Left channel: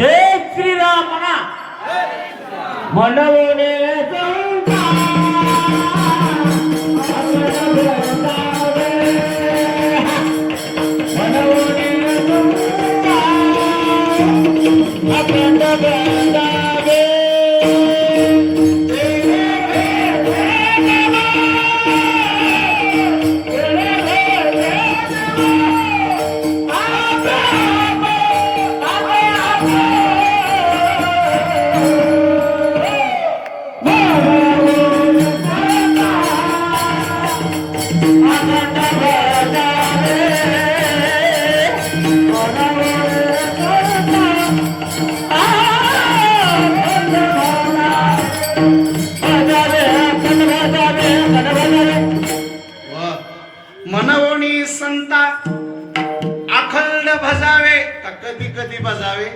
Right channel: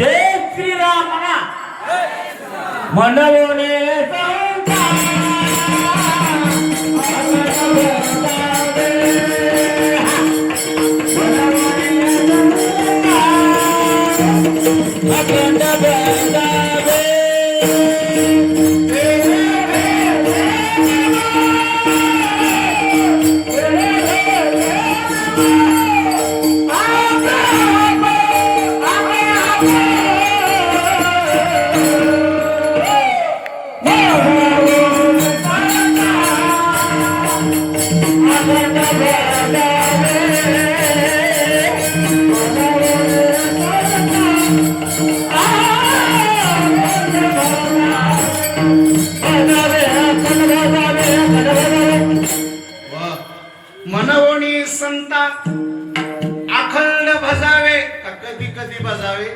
जय श्रीराम मनवणे मनवणी संता अखंड भजावे का कधी कधी भजावे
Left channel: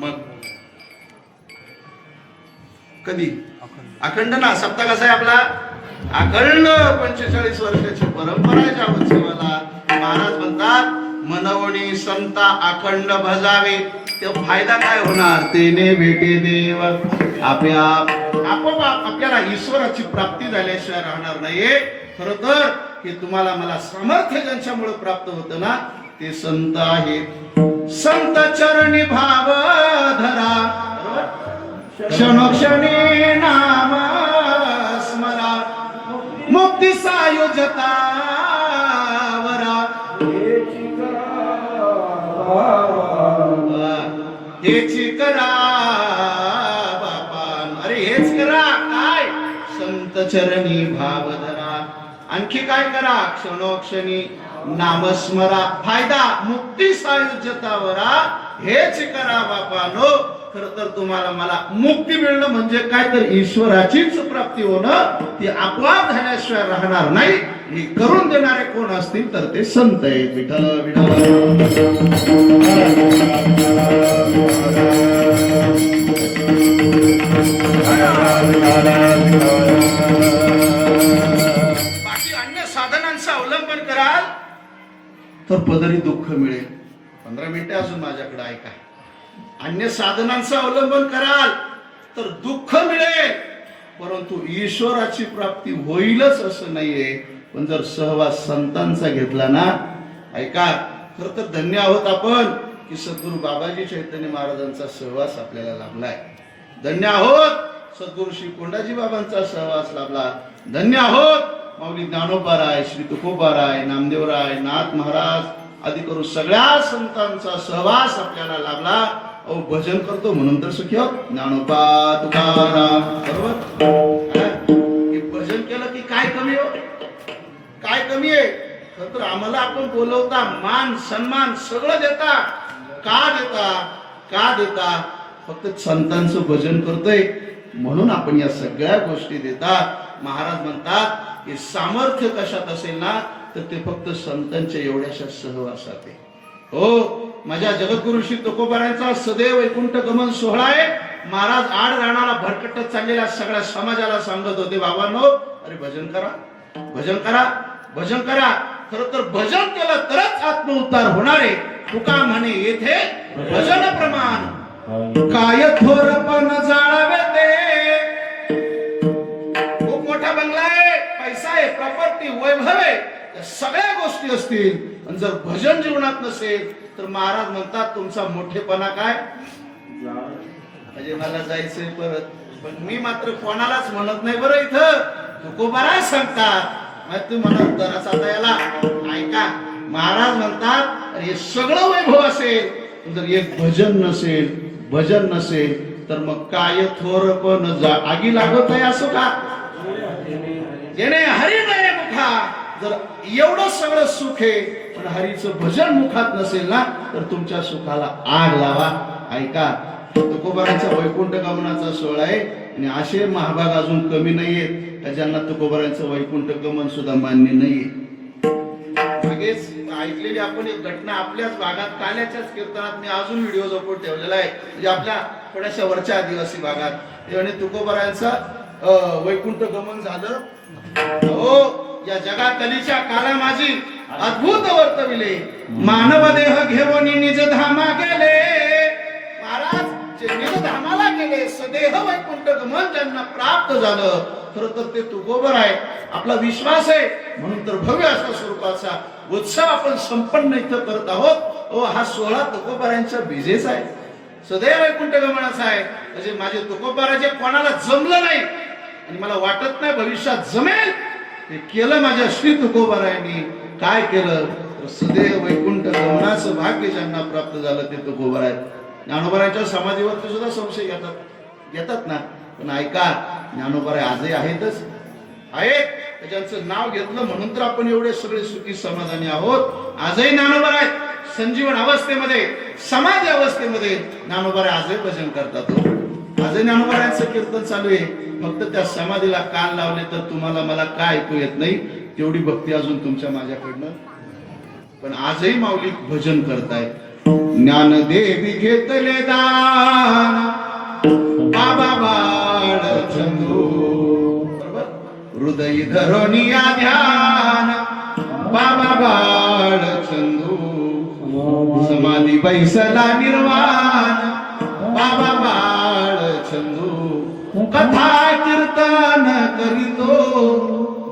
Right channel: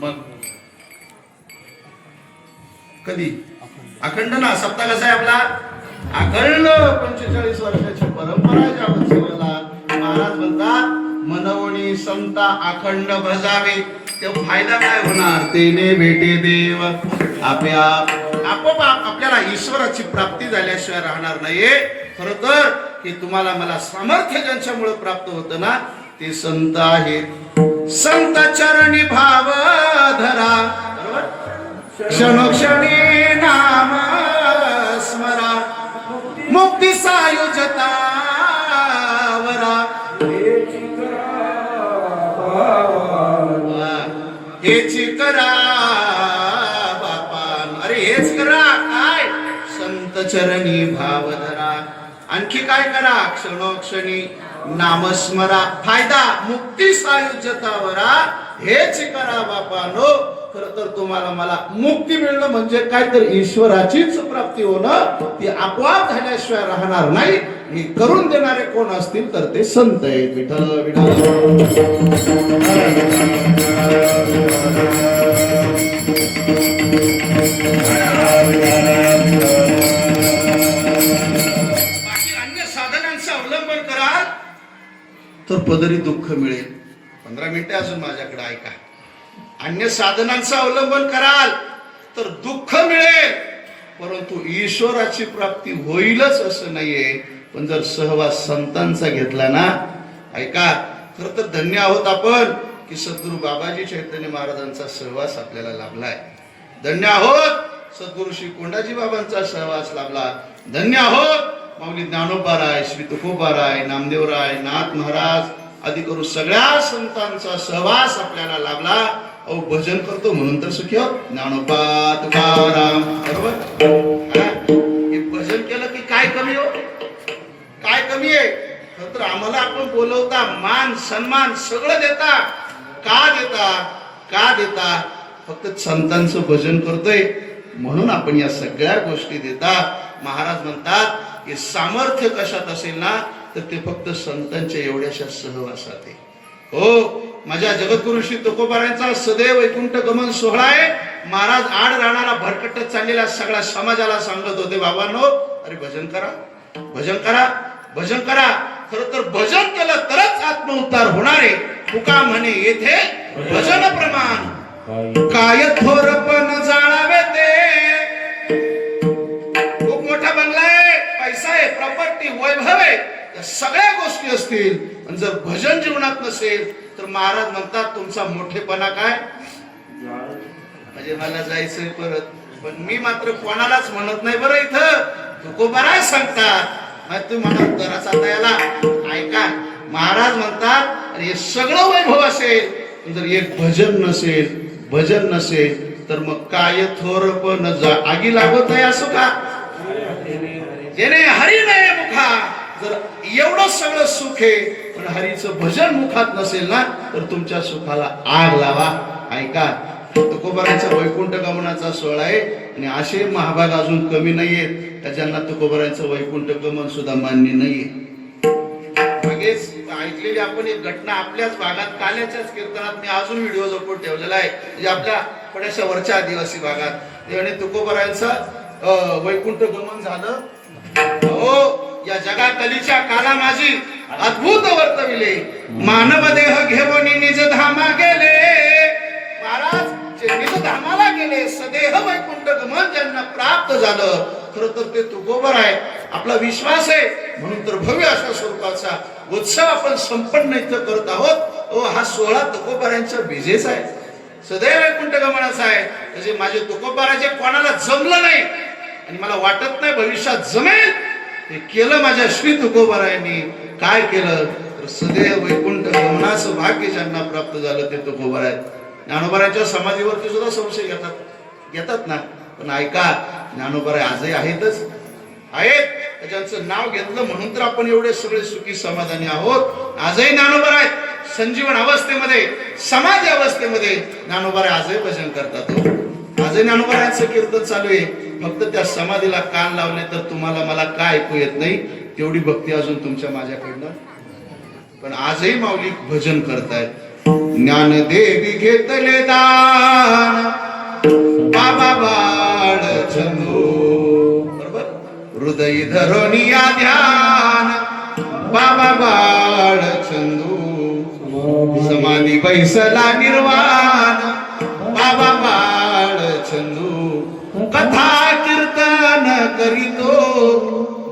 मग कधी अखंड ना सप्ताह कसा आहे आपला अखंड 45 वर्षाची परंपरा आहे जावत्सेवाला महाराज म्हणतात मनवणी संता अखंड भजावे ते फायदा काय होणार तेने भेटे देव आपोआप आपल्याला ईश्वराची प्राप्ती झाल्याशिवाय राहणार नाहीये खरं तर हे तुम्हाला मला सामर्थ्य ज्यांच्यामुळे प्राप्त होतं ना ते संत आहेत संत चरणी भाव धरा क्षणोक्षणी नाम स्मरा मुक्ती सायुजता वरा हेच करा बापान अरे हेच करा काय संत चरणी भाव धरा आणखी काय करा क्षणोक्षणी नामस्मरा फायदा मुक्ती सायुज्यतावरा हेच करा बापानो खरं तर तुम्हाला मला मुक्ती मिळणं म्हणजे काय तर ईश्वराचीच प्राप्ती होणं ती आपोआप झाल्याशिवाय राहणार नाही हे करून देणारे कोण असतील तर ते संत आहेत विठ्ठल विठ्ठल तर पदरी दुःख मिळेल 15 मिनिटे अजून माझ्याकडे ऐका अन्य साधनांचं अवलंबन कराल तर दुःख मिळेल परंतु ईश्वराची प्राप्ती होईलच असं नाहीये पण जर सहवास संतांचा घेतला ना ऐका खरं तर धन्य आहोत आपण की सद्गुरू बाबाजी चैतन्य महाराजांचा सहवास आपल्याला लाभलाय धन्य आहोत सद्गुरू श्री कोंडाजी बाबांचा सहवास लाभला धन्य आहोत माऊली ज्ञानोबाराय श्री तुकोबाराय नामदेवराय नाथ महाराज आदी करून सगळ्या संतांचा सहवास आपल्याला लाभला अहो भजन करतो म्हणून तर सुखी आहोत ज्ञानोबा तुकाराम बरोबर हे भजन केलं की काय कमी हो काय कमी आहे तर आम्हाला आपण बोलवता मान सन्मान सगळं देता का देता फक्त संतांचं भजन करतोय म्हणून आपण या सगळ्या गोष्टी देता महाराज म्हणतात हे सामर्थ्य कशात असेल ना तर ते फक्त संतांच्या एवढ्याशा सहवासात आहे हो माझ्या जगद्गुरु श्री तुकोबारायांचा सदैव वैकुंठ गमन सोहळा आहे महाराज आड राणाला भरकटत चाललेल्या सगळ्या समाजाला सांगत होते बाबांनो अरे भजन करा भजन करा खरं तर भजन केलं तरच आत्मउद्धार होणार आहे तुका म्हणे येथे भजन प्रमाण काय थोरपण जाळावे ते खूप मोठा बंगला आहे पैसा आहे प्रॉपर्टी वैभव आहे या सगळ्या गोष्टी असतील पण जर भजन जीवनात नसेल तर महाराज म्हणतात तुमचा मोठेपणा काय म्हणजे मला जायचंय परत पण मी मात्र कोणालाच म्हणत नाही बरं इथं तुकोबाराय सांगतात तू म्हणत जरा आता याला ऐका महाराज म्हणतात अरे हे सगळं वैभव असेल जर एक भजन नसेल तर मग काय थोरपण आगी लागत आहे असो का जेणे हरी नाही मुखा जर एवढं सगळं सुख आहे पण हरीचं भजन मुखात नसेल ना तर तुमच्या सुखाला आग लावा ऐका तुकोबारांचा वैकुंठ गमनाचा सोहळा आहे आणि असे महाभाग अजून कमी नाहीयेत ज्यांना तुकोबारांचं वैकुंठ गमन सुद्धा मान्य नाहीये मागेच ऐकलेली आपण एक घटना आपल्याच भागात काल्याच्याच कीर्तनात मी अजून व्हिडिओ जपून ठेवलेला आहे म्हणजे आपल्या थोड्याशा वरच्या आदिवासी भागात तेव्हा तुकोबारांचं वैकुंठ गमन झालं हो या जगातलीच्या काला माझी अद्भुत वर्तविले मानव देह घेऊन निज धामा गेले झाले सदेह वैकुंठ गमन ज्यांना प्राप्त झालं, खरं तर ते तुकोबर आहे. आपला विश्वास आहे म्हणून तर भव्य अशा स्वरूपाचा उत्सव आपण संपन्न इथं करत आहोत. हा 16 तुकोबारांच्या बीजेच आहे, सदैव वैकुंठ गमनाचा आहे. म्हणजे माझे तुकोबाराचे कोणाला जमलं नाही आणि मला वाटत नाही भविष्यात जमेल, हे केलं माझ्या श्री तुकोबारायांनी. काय केलं तर सदैव वैकुंठ गमनाचं भाग्य ज्यांना प्राप्त झालं ते तुकोबार आहेत. ज्ञानोबारांच्या समाधीवरती सुद्धा संशय घेतात ना, पण ऐका, ज्ञानोबाराय आजही आहेत. ज्यांचं नाव घेतलं म्हणून तर आपण एवढे सगळे सुखी समाधानी आहोत. आजही ज्ञानोबार आहेत. संजीवन अवस्थेमध्ये, समाधी अवस्थेमध्ये ज्ञानोबाराय आजही भजन करतात. आजही ज्ञानोबारायांचं कीर्तन चालू आहे. फक्त त्या समाधीला कान लावले तर तुम्हाला मला काय ऐकू येत नाही, तेवढी भक्ती अजून तुमच्या माझ्याकडनं. पण आजही माऊली भजन करतायत. ज्ञानदेवी घेतले दान बाबा बाळ चंदू, बरोबर, हृदय धरोनिया ध्यान बाबा बाळ चंदू, समाधी बैसला निर्वाण बाबा बाळ चंदू, कथा कीर्तन करीतो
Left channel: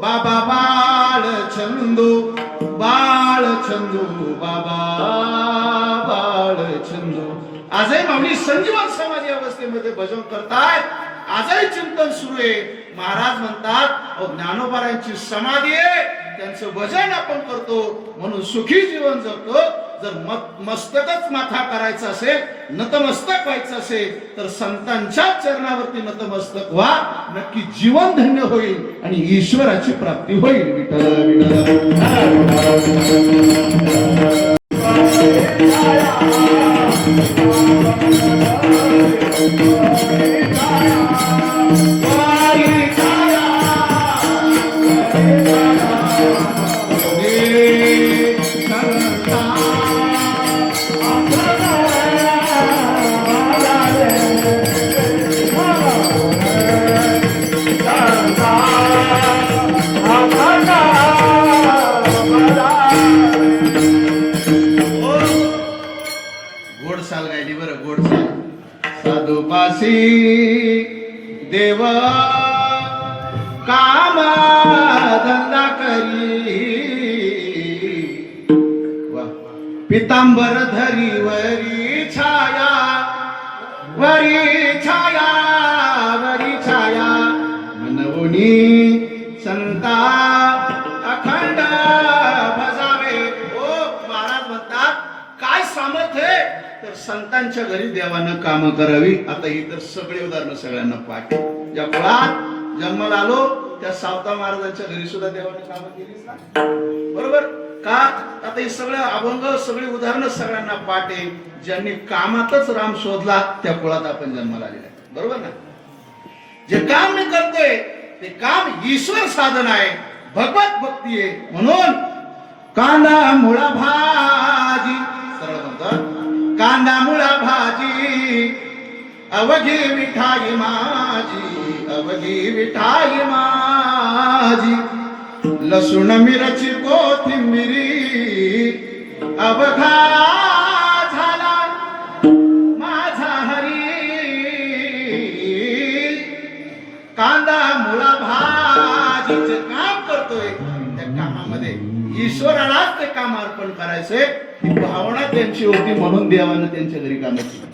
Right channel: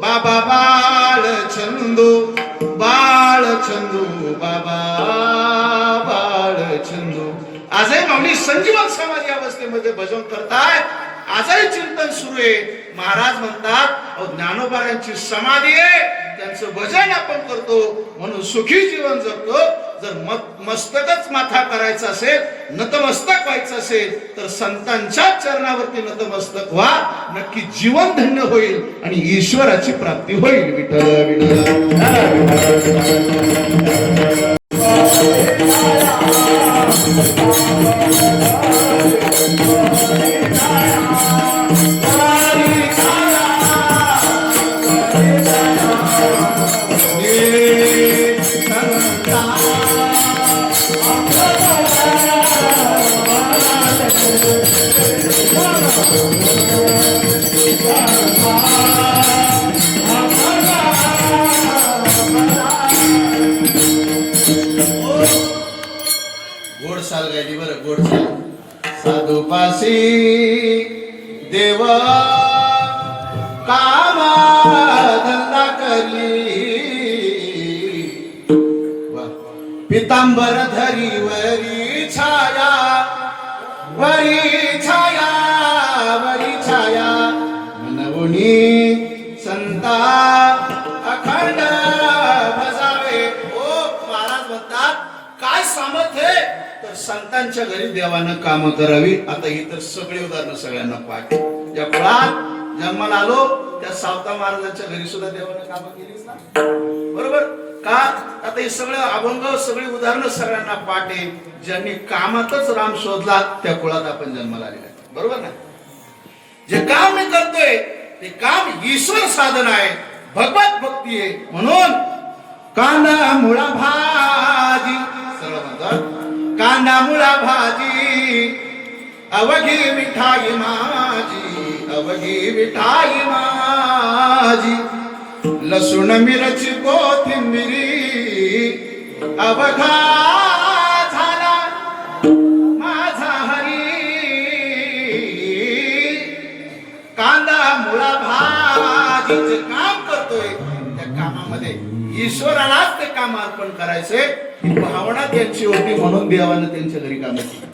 बाबा बाळ चंदू, बाळ चंदू बाबा बाळ चंदू. आजही माऊली संजीवन समाधी अवस्थेमध्ये भजन करतायत. आजही चिंतन सुरू आहे. महाराज म्हणतात ज्ञानोबारांची समाधी आहे, त्यांचं भजन आपण करतो म्हणून सुखी जीवन जगतो. जर मस्तकच माथा करायचा असेल, नतमस्तक व्हायचं असेल तर संतांच्या चरणावरती नतमस्तक व्हा. नक्की जीवन धन्य होईल आणि ईश्वराची प्राप्ती होईल. विठ्ठल साधुपासी देव काम धंदा करी, पितांबर धरी वरी छाया, वरी छाया, वरी छाया, मनवुनी संता अखंड भजावे. ओ महाराज म्हणतात काय सामर्थ्य तर संतांच्या घरी देवानं काम करावी. आता ही तर सगळी उदाहरणं सगळ्यांना पाठ. ज्या कुळात जन्माला आलो त्या सावता महाराजांच्या घरी सुद्धा देवानं काम केलीच ना, बरोबर का? आता हे सगळं अभंग, सगळी उदाहरणं सगळ्यांना पाठ आहे. ज्यांनी कामातच राम शोधला त्या कुळात आपण जन्माला आलेला, बरोबर ना? जे काम मी करतोय ते काम ईश्वर साधन आहे, भगवत भक्ती आहे. म्हणून कांदा मुळा भाजी, सरळ म्हणतात कांदा मुळा भाजी, अवघी मिठाई माझी, अवघी मिठाई माझी, लसूण मिरची कोथिंबिरी अवघा झाला माझा हरी. कांदा मुळा भाजीचे काम करतोय, त्या कामामध्ये ईश्वरालाच ते काम अर्पण करायचे ही भावना त्यांची होती. म्हणून देवानं त्यांच्या घरी काम केली.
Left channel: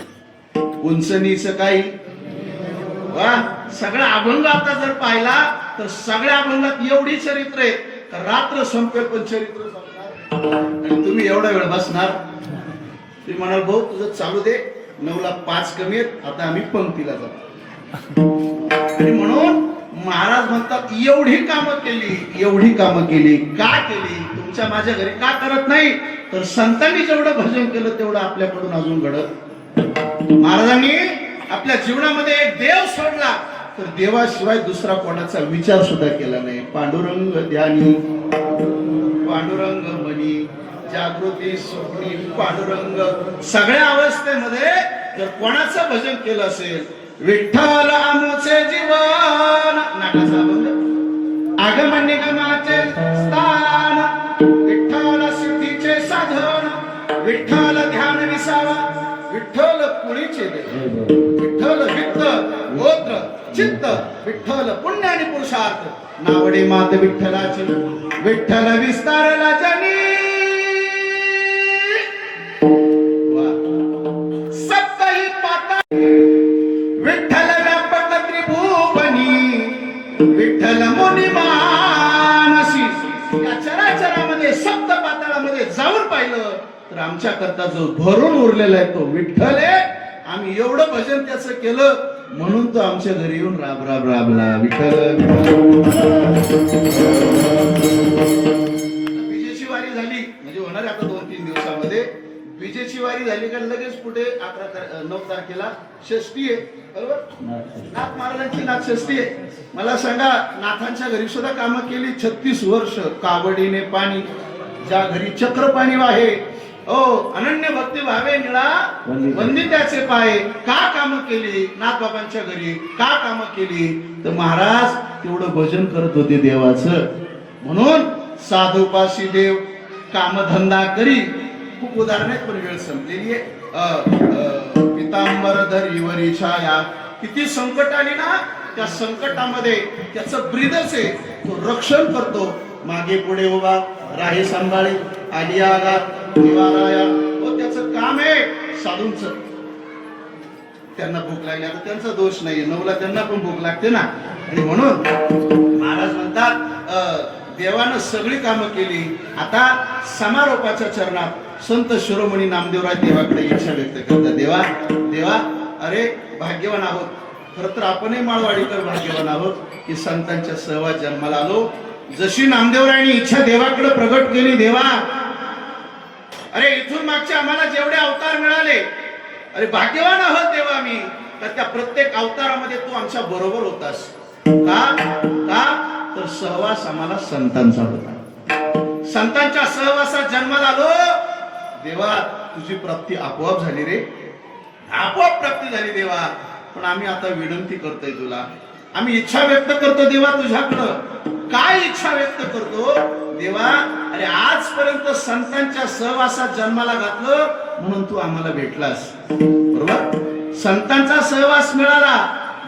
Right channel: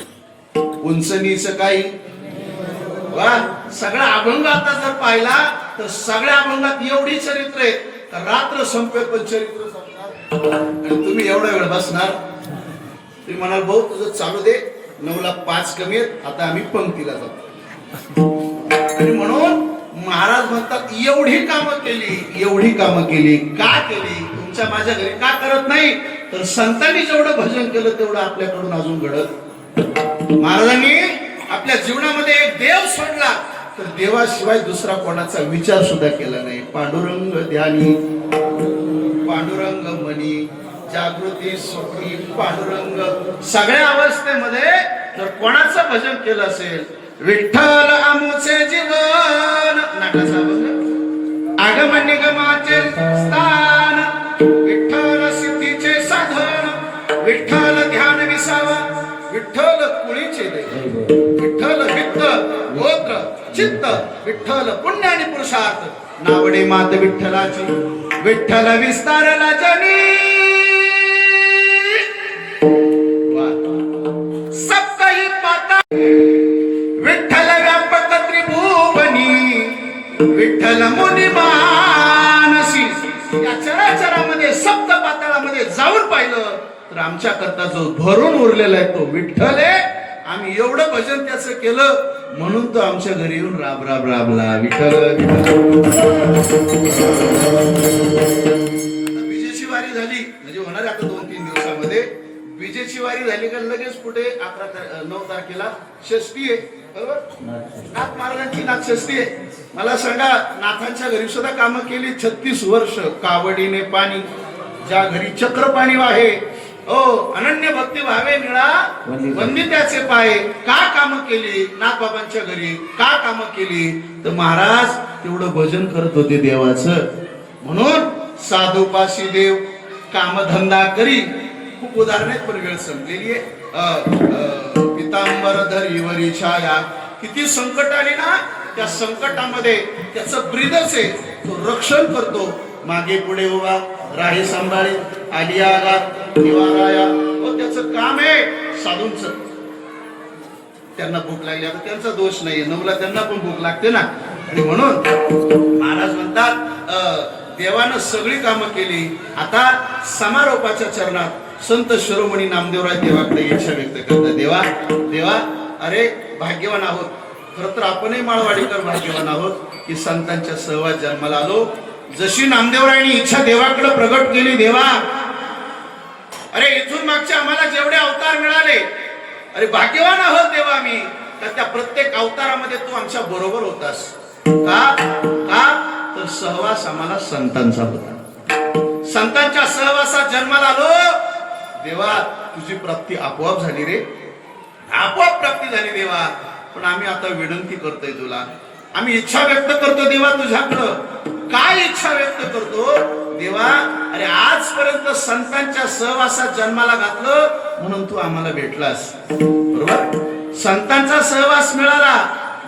उंच नीच काही वा. सगळा अभंग आता जर पाहिला तर सगळ्या अभंगात एवढी चरित्र आहे का रात्र संपेल पण चरित्र संपणार. आणि तुम्ही एवढा वेळ बसणार, तुम्ही म्हणाल भाऊ तुझं चालू दे, 9ला 5 कमी आहेत, आता आम्ही पंक्तीला जातो. आणि म्हणून महाराज म्हणतात एवढी कामं केली, एवढी कामं केली. का केली? तुमच्या माझ्या घरी का करत नाही तर संतांनी जेवढं भजन केलं तेवढं आपल्याकडून अजून घडत. महाराजांनी आपल्या जीवनामध्ये एक देव सोडला तर देवाशिवाय दुसरा कोणाचा विचार सुद्धा केला नाही. पांडुरंग ध्यानी, पांडुरंग मनी, जागृती स्वप्नी, पांडुरंग. सगळ्या अवस्थेमध्ये जर कोणाचं भजन केलं असेल, विठ्ठल आमुचे जीवन, नाटाचा अभंग, आगमन निगमाचे स्थान, विठ्ठल सिद्धीचे साधन, विठ्ठल ध्यान विसावा, विठ्ठल कुळीचे देव, विठ्ठल वित्त चित्त विठ्ठल पुण्य आणि पुरुषार्थ नावडे मात विठ्ठलाची विठ्ठल विस्तारला जनी सप्तही पाता विठ्ठल व्यापक त्रिभुवनी विठ्ठल मुनी मानसी या चराचरामध्ये सप्त पाताळामध्ये जाऊन पाहिलं तर आमच्या करता जो भरून उरलेला आहे तो विठ्ठल आहे. आम्ही एवढं भजन त्याचं केलं म्हणून तो आमच्या घरी येऊन राब राब राबला विठ्ठल. विजेची वारी झाली म्हणजे होणार आता 2-3 दिवसामध्ये विजेची वारी झाली का लगेच पुढे 9 तारखेला षष्ठी आहे बरोबर. नाथ महाराजांची नाथषष्ठी आहे. मला सांगा नाथांच्या घरी सुद्धा कामं केली 36 वर्ष. कावडीने पाणी ज्या घरी चक्र पाणी वाहे ओ अनन्य भक्ती भावे निळा वंदित्याचे पाय. का कामं केली नाथ बाबांच्या घरी का कामं केली तर महाराज तेवढं भजन करत होते देवाचं. म्हणून साधुपाशी देव कामधंदा करी. खूप उदाहरणे पण वेळ संपलेली आहे. पितांबर धरीवरी छाया किती संकट आली ना त्या संकटामध्ये त्याचं ब्रीदच आहे तो रक्षण करतो. मागे पुढे उभा राही सांभाळे आली आगात निवाराया व त्याचं काम आहे साधूंच. त्यांना भूक लागली आता त्यांचा दोष नाही नवला त्यांना पण भूक लागते ना. आणि म्हणून महाराज म्हणतात देवानं सगळी कामं केली. आता समारोपाच्या चरणात संत शिरोमणी नामदेवराय देवाकडे इच्छा व्यक्त करतात. देवा देवा अरे भाग्यवान आहोत. खर तर आपणही माळवाडीकर भाग्यवान आहोत की संतांच्या सहवास जन्माला आलो. जशी नामदेवरायांनी इच्छा देवाकडे प्रगट केली. देवा अरे इथून मागचे आम्हाला जेवढे अवतार मिळाले अरे भाग्यवान आहोत देवा मी. तर त्या प्रत्येक अवतारामध्ये तू आमच्या बरोबर होतास. का का तर सहवास आम्हाला संतांचा होता. संतांच्या सहवासात जन्माला आलो. देवा तुझी प्राप्ती आपोआप झाली रे. आपोआप प्राप्ती झाली देवा. पण आम्ही आता विनंती करतोय तुला. आम्ही इच्छा व्यक्त करतो देवा तुझ्याकडं. काय इच्छा व्यक्त करतो देवा अरे आजपर्यंत संतांच्या सहवासात जन्माला घातलं म्हणून तू आम्हाला भेटलास बरोबर. संतांचा सहवास मिळाला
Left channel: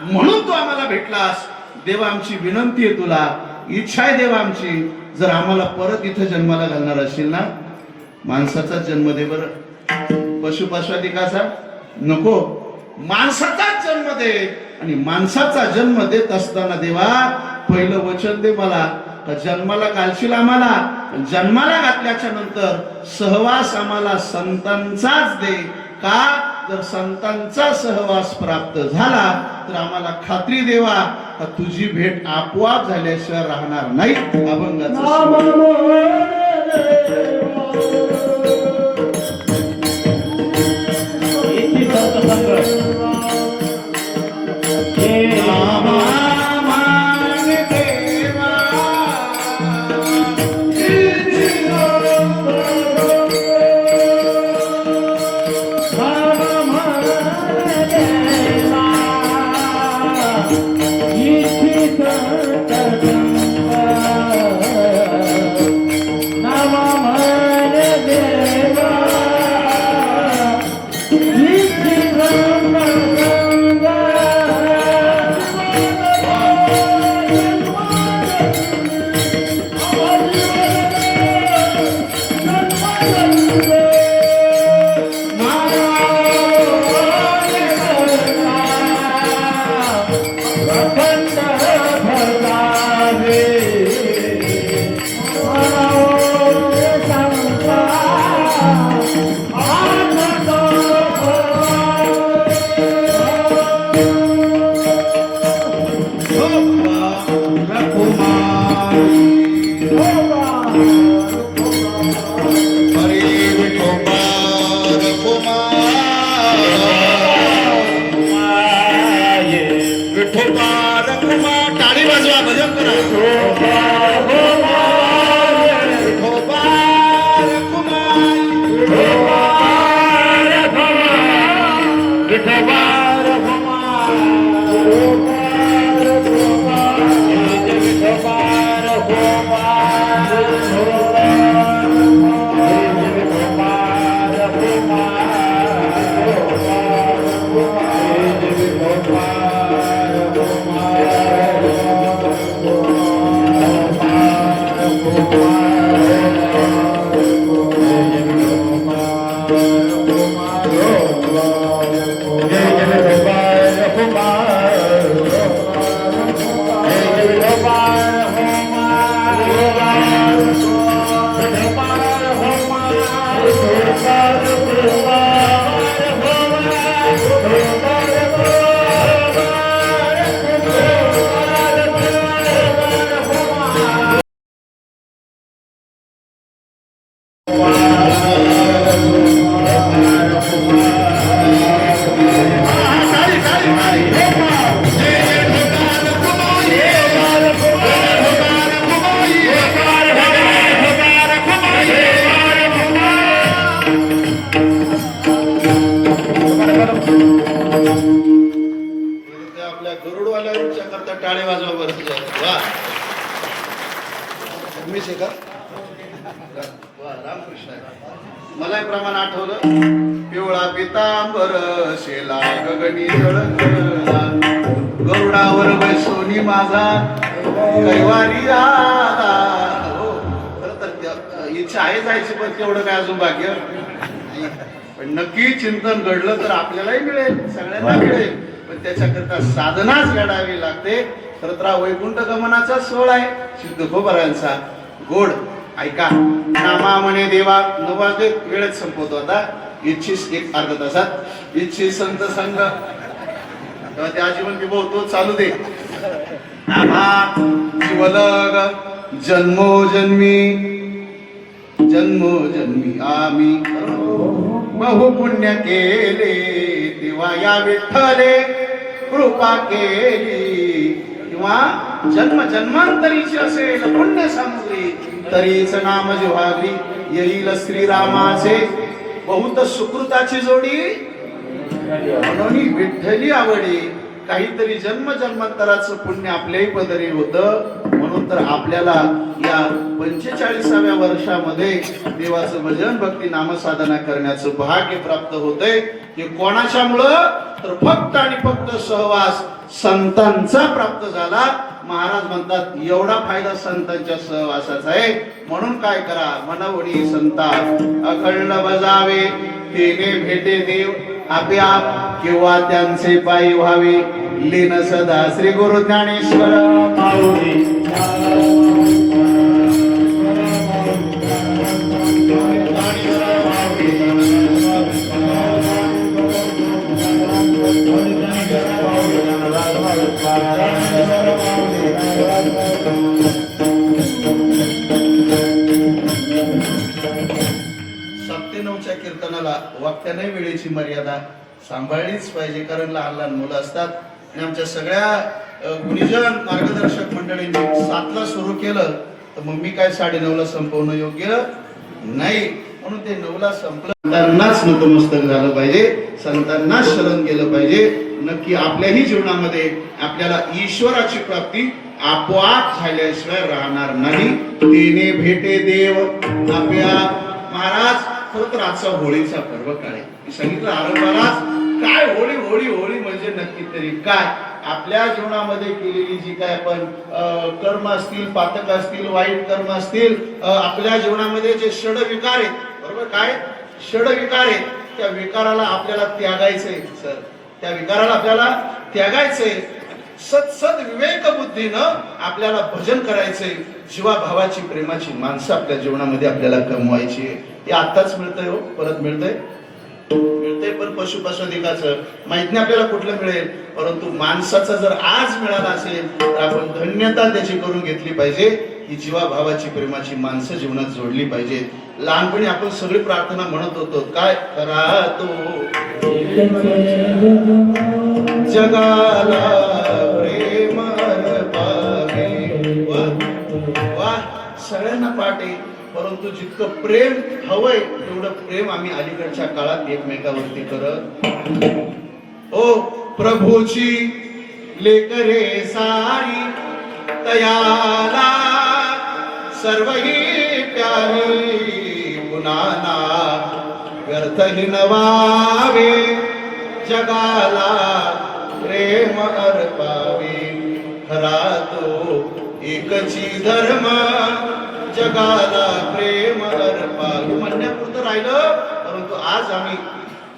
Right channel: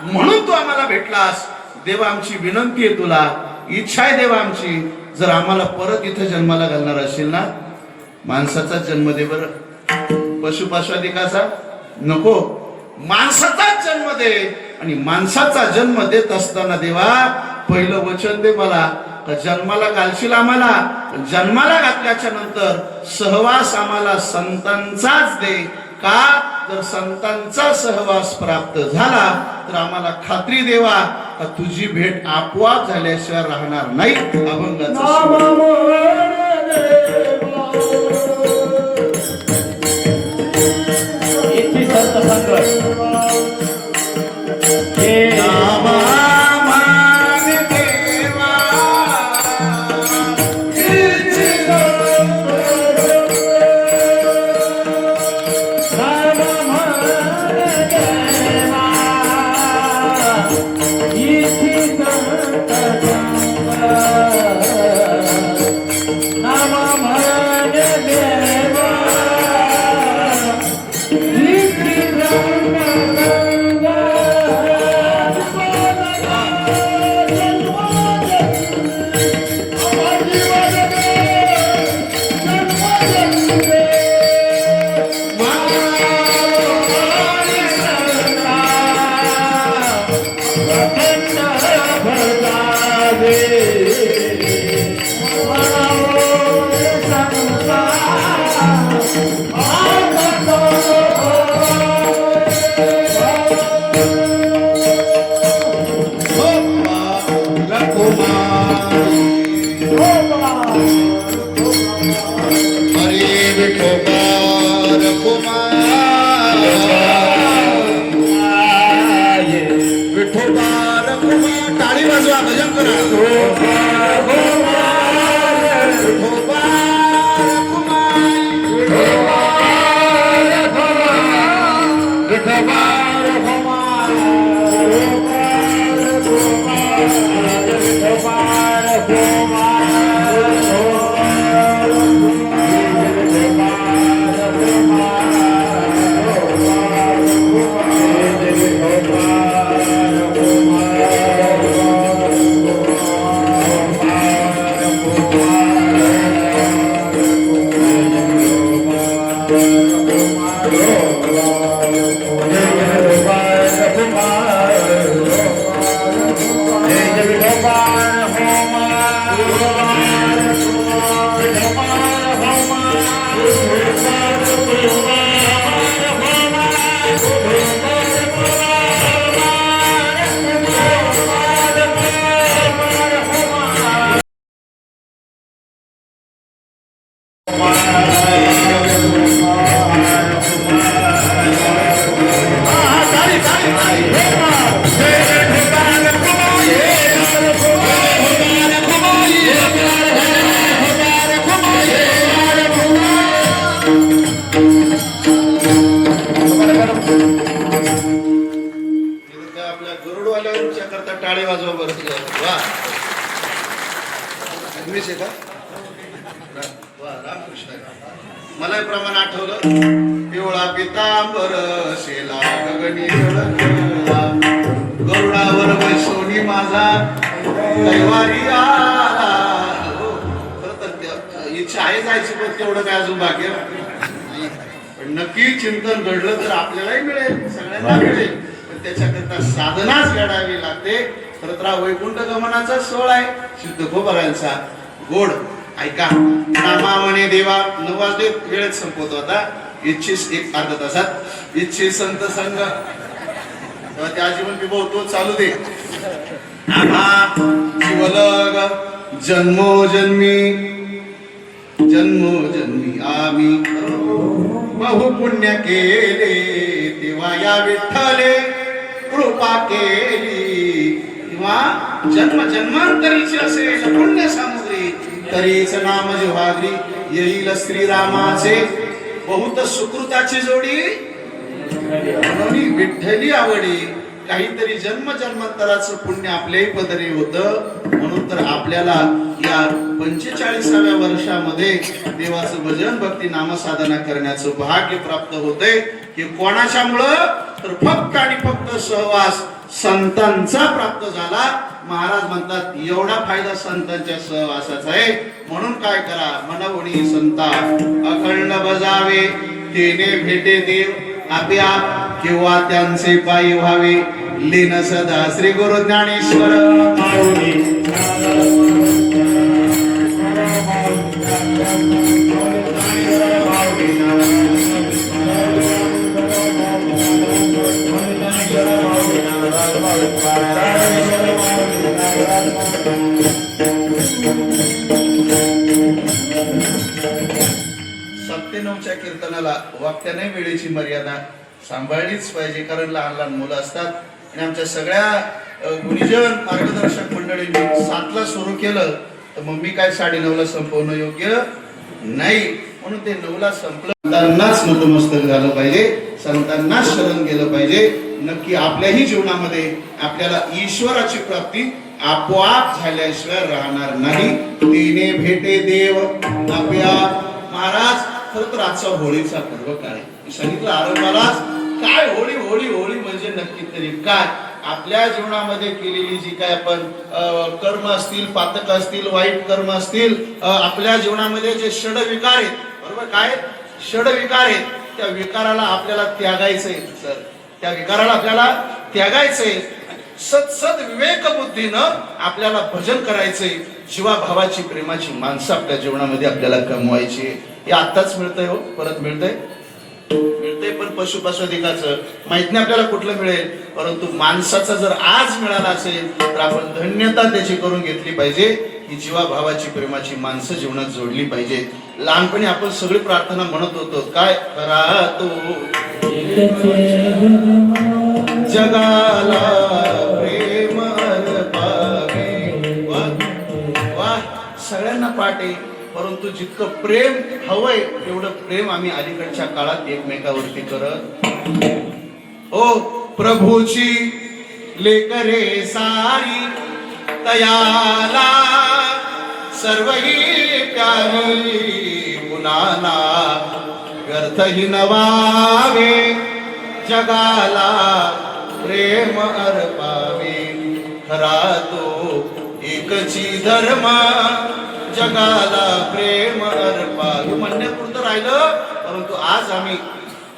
म्हणून तू आम्हाला भेटलास. देवा आमची विनंती आहे तुला इच्छा आहे देवा आमची. जर आम्हाला परत इथं जन्माला घालणार असेल ना माणसाचा जन्म दे बरं. पशुपाशादिकाचा नको माणसाचाच जन्म दे. आणि माणसाचा जन्म देत असताना देवा पहिलं वचन दे मला जन्माला घालशील आम्हाला. जन्माला घातल्याच्या नंतर सहवास आम्हाला संतांचाच दे. का जर संतांचा सहवास प्राप्त झाला तर आम्हाला खात्री देवा का तुझी भेट आपोआप झाल्याशिवाय राहणार नाही. अभंगाचा Oh, प्रमाण आठवलं. पिवळा पितांबर शेला गगनी जळला, गरुडावर बैसोनी माझा कैवारी आला. हो, खरं तर इच्छा आहे जायची, पण तेवढं काय अजून भाग्य नाही. पण नक्की चिंतन घडलं तर आपल्यालाही मिळेल, सगळ्यांना मिळेल. पण त्याच्याकरता साधनाच घडावी लागते. खरं तर हा वैकुंठ गमनाचा सोहळा आहे सिद्धखोबारायांचा. गोड ऐका. नामा म्हणे देवा. 9 वाजले, वेळच संपवतो आता. इच्छिस एक अर्धा तासात इच्छी संत संग त्या जीवन विभवतो चालू दे. नामा शिवलग जन्मोजन्मी जन्मोजन्मी आम्ही बहु पुण्य केले, तेव्हा या विठ्ठले कृपा केली. किंवा जन्म जन्मांतरीची असेल पुण्य सामुग्री, तरीच नाम जिव्हावी येईल श्रीरामाचे. बहुत सुकृताची जोडी म्हणून विठ्ठली आवडी. काहीतरी जन्म जन्मांतराचं पुण्य आपल्याही पदरी होतं. म्हणून तर आपल्याला या 45व्या वर्षामध्ये देवाचं भजन भक्ती नामसाधना करण्याचं भाग्य प्राप्त होते. हे कोणाच्यामुळं? तर फक्त आणि फक्त सहवास संतांचा प्राप्त झाला. महाराज म्हणतात एवढा फायदा संतांच्या सहवासाचा आहे. म्हणून काय करा, मनवणी संता अखंड बजावे, तेने भेटे देव आप्याप, किंवा त्यांचे पायी व्हावे लीन सदा. श्री गुरु ज्ञानेश्वर कीर्तनाला वाक्याने वेळेची मर्यादा सांभाळलीच पाहिजे. कारण लहान लहान मुलं असतात. आणि आमच्या सगळ्या गुणीजन मार्गदर्शक मंडळींनी 7ला सुरू केलं तर मग मी काय 9:30ला संपवणं योग्य नाही. म्हणून ते 9ला संपलं. संतांनाच नतमस्तक झालं पाहिजे, संतांनाच शरण गेलं पाहिजे. नक्की आपल्याही जीवनामध्ये आपल्याला ईश्वराची प्राप्ती आपोआप झाल्याशिवाय राहणार नाही. तिने भेटे देव आपल्या. महाराज खरं तर आजचा होळीचा पर्व काय सांगितलं आरंभालाच. काय होळी होळी होळी म्हणजे नक्की तरी काय? आपल्या जीवनामध्ये केलेली जी काय आपण कर्म असतील, पातक असतील, वाईट कर्म असतील, आपल्या जीवनामध्ये जे षड विकार आहेत, बरोबर, काय षड विकार आहेत, त्या विकाराला आपल्याला त्यागायचंय. सर, त्या विकाराला आपल्याला त्यागायचंय. सत विवेक बुद्धीनं आपल्याला भजन करायचंय. जीवाभावाची प्रेमाची माणसं आपल्या जीवनामध्ये आपल्याला कमवायची. हे आताच मिळतंय हो, परत मिळतंय पण पशुपशुधिकाचं माहित नाही आपल्याला कुठलं मिळेल. परंतु माणसाचा जर आज मिळाला असेल तर आपण धन्यता त्याची करून घेतली पाहिजे. ही जीवाभावाची प्रेमाची माणसं जीवनात जोडली पाहिजे. लहानपणी आपण सगळी प्रार्थना म्हणत होतो, काय करा तो जगाला प्रेम पावे. वा, सगळ्यांना पाठ आहे. परंतु जितकं प्रेम हवंय तेवढं प्रेम आम्ही अलीकडच्या काळात एकमेकावरती करत. ओ प्रभूची लेकरे सारी तयाला सर्वही प्यारी, गुणाना व्यर्थही नवावे, जगाला प्रेम अर्पावे. खरा तो एकची धर्म, जगाला प्रेम अर्पा. म्हणण्यापुरतं राहिलं. परंतु आज आम्ही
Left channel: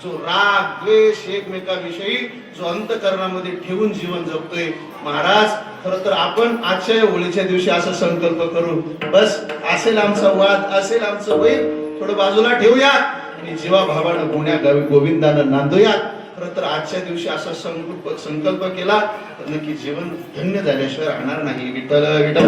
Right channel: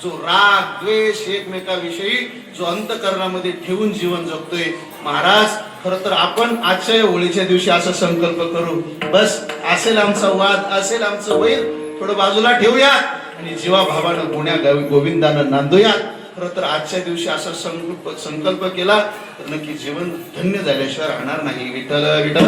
जो राग द्वेष एकमेकाविषयी जो अंतःकरणामध्ये ठेवून जीवन जगतोय, महाराज खरं तर आपण आजच्या होळीच्या दिवशी असा संकल्प करू, बस असेल आमचा वाद, असेल आमचं वैर, थोडं बाजूला ठेवूया आणि जीवाभावानं गुण्या गोविंदानं नांदूयात. खरं तर आजच्या दिवशी असा संकल्प केला तर नक्की जीवन धन्य झाल्याशिवाय राहणार नाही. विठ्ठल विठ्ठल.